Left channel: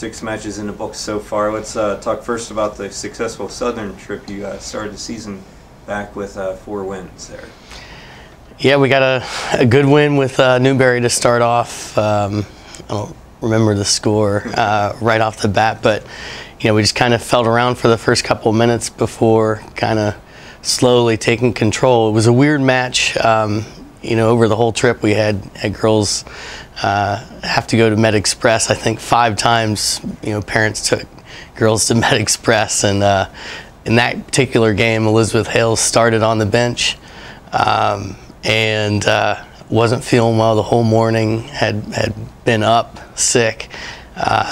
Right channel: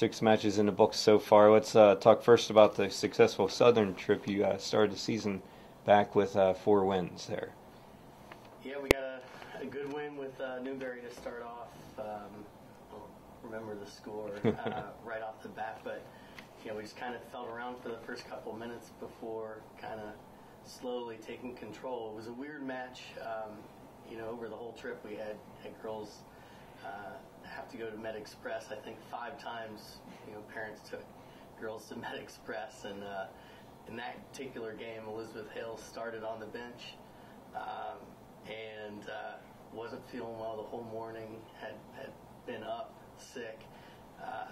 6 matches in the books so far. Let's talk first about the successful Southern trip. You started the season back with 4 wins there. Yeah, we got a good win with Newberry to start off. I don't remember the score right off the bat, but we just kind of felt around for the first couple of minutes before kind of slowly taking control. It was a weird match. Over the whole trip we had girls have to go to Med Express. I think 5 times, parents took girls to Med Express, and in that particular game, Elizabeth Hales started on the bench and wasn't feeling well the whole morning. Had been up sick,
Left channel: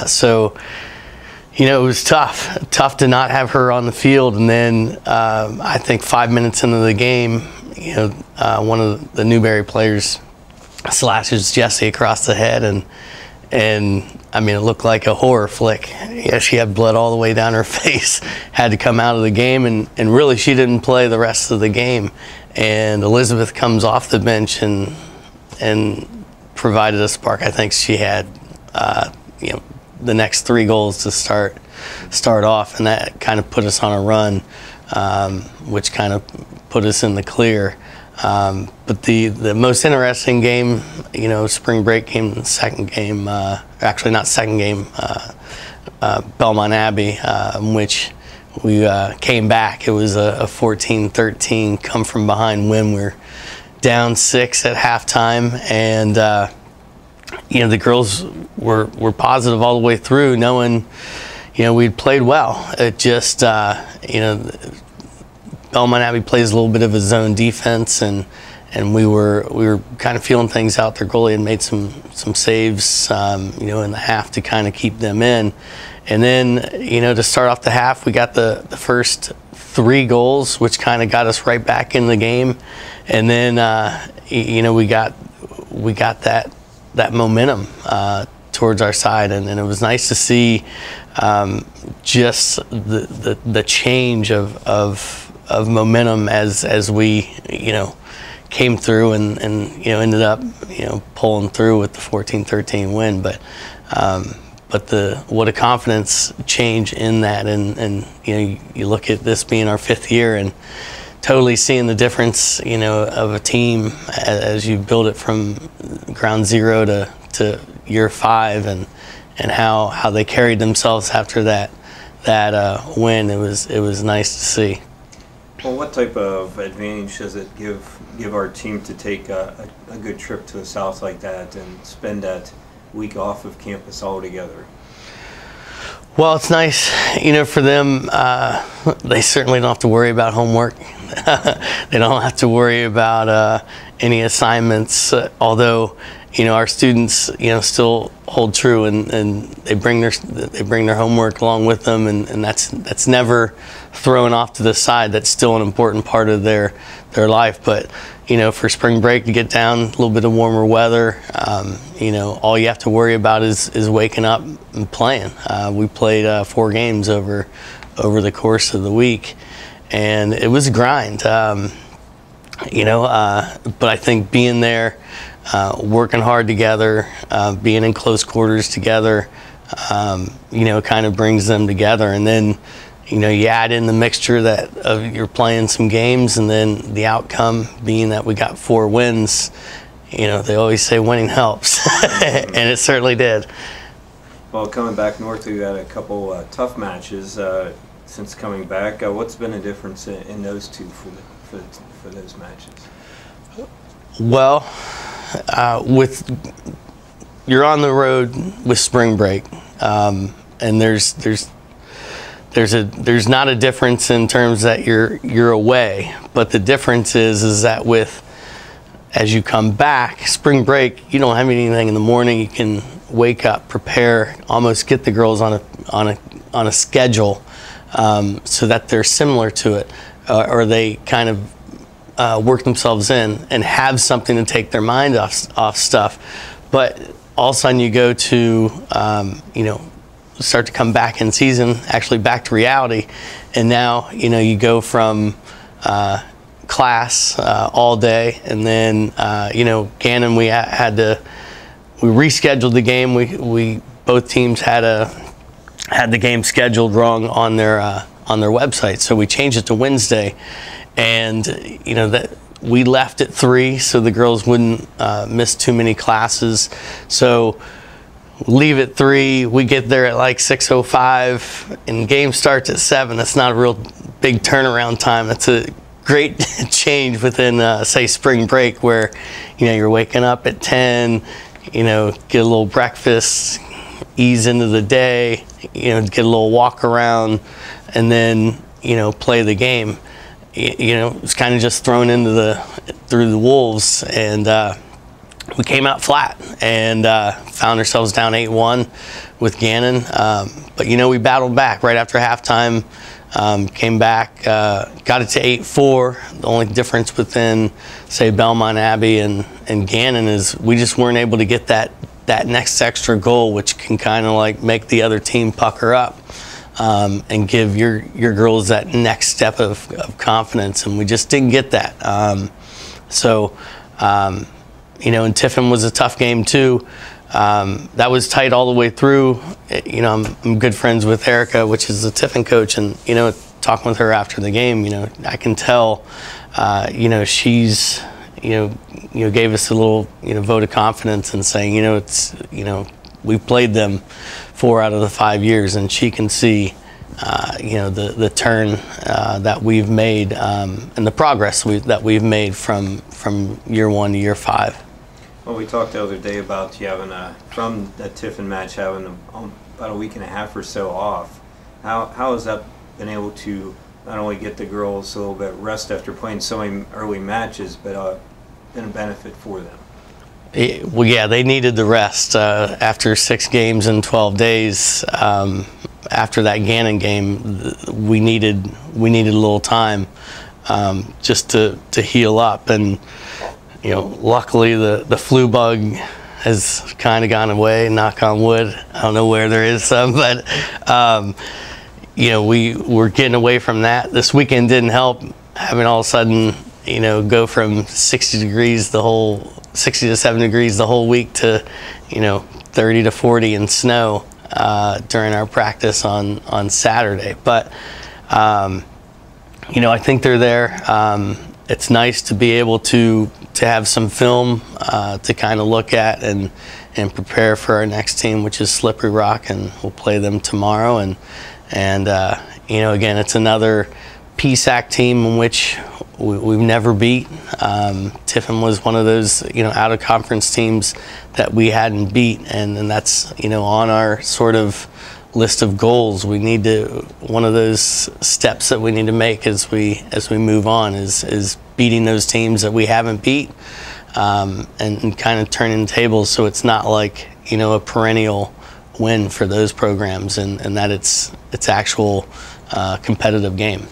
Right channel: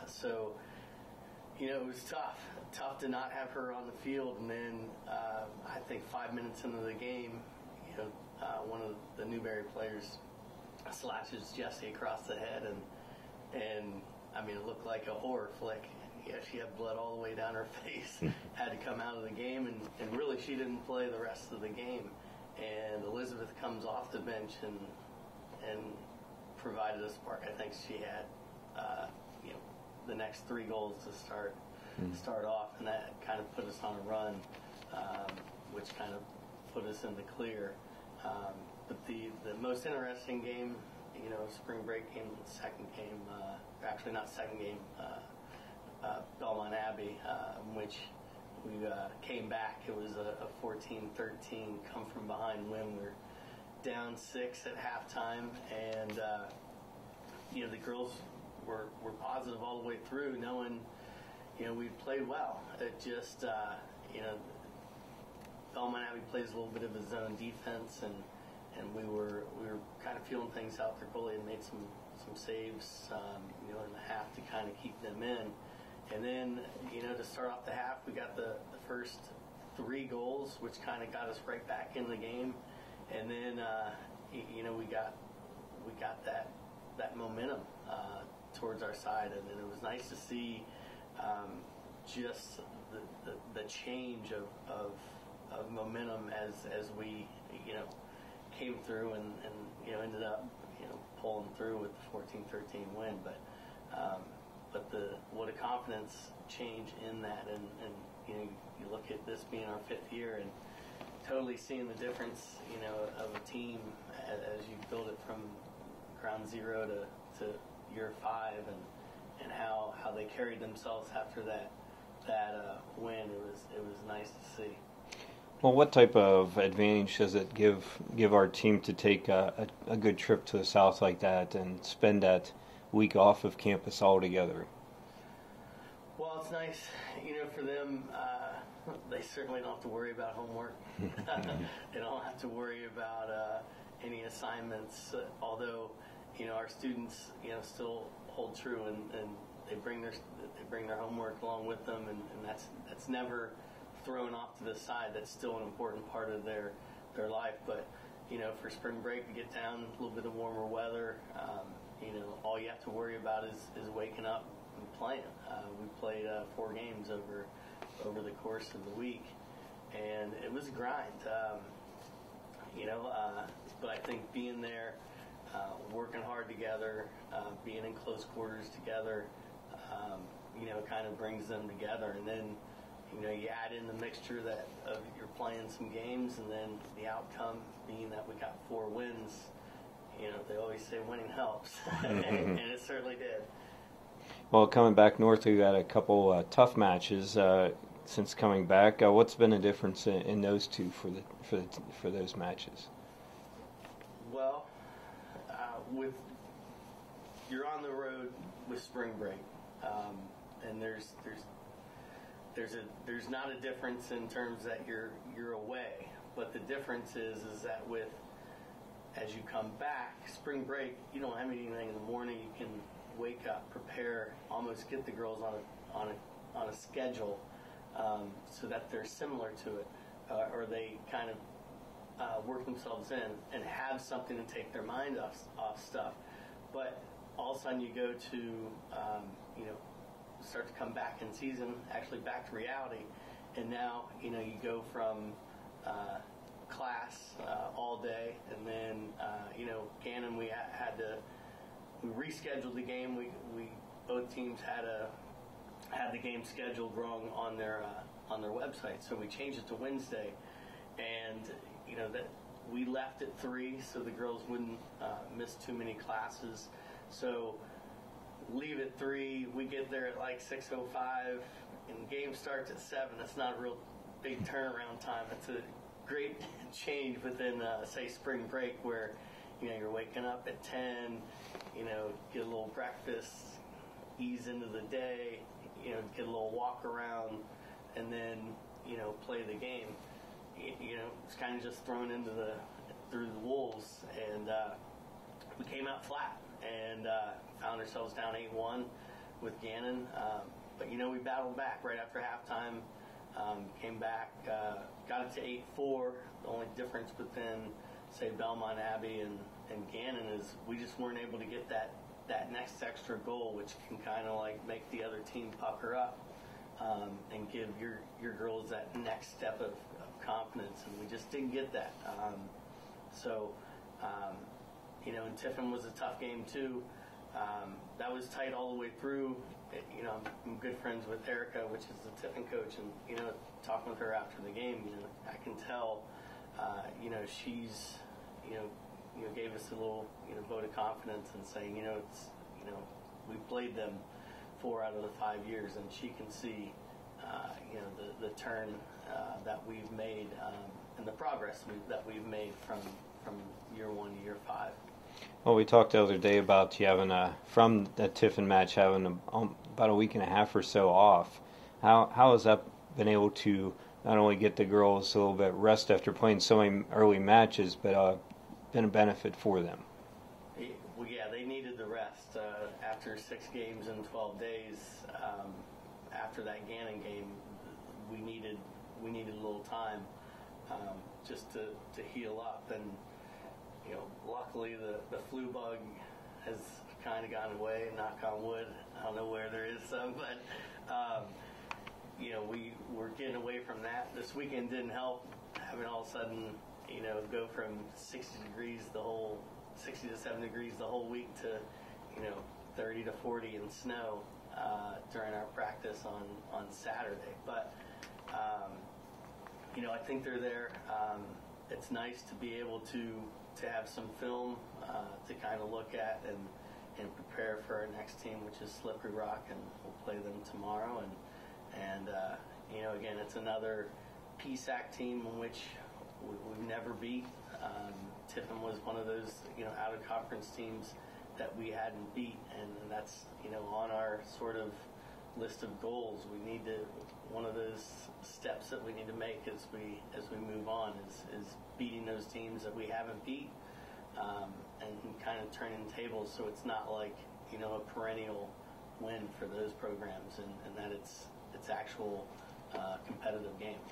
so it was tough to not have her on the field. And then I think 5 minutes into the game, one of the Newberry players slashes Jessie across the head, and I mean, it looked like a horror flick. Yeah, she had blood all the way down her face, had to come out of the game, and really she didn't play the rest of the game. And Elizabeth comes off the bench and provided a spark. I think she had the next 3 goals to start off, and that kind of put us on a run, which kind of put us in the clear. But the most interesting game, spring break game, the second game, actually not second game, Belmont Abbey, in which we came back. It was a 14-13 come from behind win. We were down 6 at halftime, and the girls were positive all the way through, knowing we'd played well. It just Belmont Abbey plays a little bit of a zone defense, and we were kind of feeling things out. Their goalie had made some saves, in the half to kind of keep them in. And then, to start off the half, we got the first 3 goals, which kind of got us right back in the game. And then, we got that momentum towards our side, and it was nice to see just the change of momentum as we came through and ended up pulling through with the 14-13 win. But what a confidence change in that, and you look at this being our 5th year and totally seeing the difference of a team as you build it from ground zero to year 5, and how they carried themselves after that win. It was nice to see. Well, what type of advantage does it give our team to take a good trip to the South like that and spend that week off of campus all together? Well, it's nice, for them. They certainly don't have to worry about homework. They don't have to worry about any assignments, although our students still hold true, and they bring their homework along with them, and that's never thrown off to the side. That's still an important part of their life. But for spring break, to get down, a little bit of warmer weather, all you have to worry about is waking up and playing. We played 4 games over the course of the week, and it was a grind. But I think being there, working hard together, being in close quarters together, kind of brings them together. And then, you add in the mixture of you're playing some games, and then the outcome being that we got 4 wins. They always say winning helps, and it certainly did. Well, coming back north, we had a couple tough matches since coming back. What's been the difference in those two for those matches? Well, you're on the road with spring break, and there's not a difference in terms that you're away, but the difference is that as you come back, spring break, you don't have anything in the morning. You can wake up, prepare, almost get the girls on a schedule, so that they're similar to it, or they kind of work themselves in and have something to take their mind off stuff. But all of a sudden you go to start to come back in season, actually back to reality, and now you go from class all day, and then Gannon, we rescheduled the game. We both teams had a had the game scheduled wrong on their website, so we changed it to Wednesday, and that we left at 3 so the girls wouldn't miss too many classes. So leave at 3, we get there at like 6:05, and game starts at 7. That's not a real big turnaround time. That's a great change within say spring break, where you're waking up at 10, get a little breakfast, ease into the day, get a little walk around, and then play the game. It's kind of just thrown through the wolves, and we came out flat and found ourselves down 8-1 with Gannon. But we battled back right after halftime. Came back, got it to 8-4. The only difference within, say, Belmont Abbey and Gannon is we just weren't able to get that next extra goal, which can kind of like make the other team pucker up and give your girls that next step of confidence, and we just didn't get that. And Tiffin was a tough game too. That was tight all the way through. I'm good friends with Erica, which is the Tiffin coach, and talking with her after the game, I can tell, she's gave us a little vote of confidence and saying, it's we've played them 4 out of the 5 years, and she can see the turn that we've made and the progress that we've made from year 1 to year 5. Well, we talked the other day about you having from the Tiffin match having about a week and a half or so off. How has that been able to not only get the girls a little bit rest after playing so many early matches, but been a benefit for them? Well, yeah, they needed the rest after 6 games in 12 days. After that Gannon game, we needed a little time just to heal up, and luckily the flu bug has kind of gone away. Knock on wood. I don't know where there is some, but we were getting away from that. This weekend didn't help. Having all of a sudden go from 60 to 7 degrees the whole week to 30 to 40 in snow during our practice on Saturday. But I think they're there. It's nice to be able to have some film to kind of look at and prepare for our next team, which is Slippery Rock, and we'll play them tomorrow. And again, it's another PSAC team in which we've never beat. Tiffin was one of those out of conference teams that we hadn't beat, and that's on our sort of list of goals. We need to, one of those steps that we need to make as we move on is beating those teams that we haven't beat, and kind of turning tables so it's not like a perennial win for those programs, and that it's actual competitive game.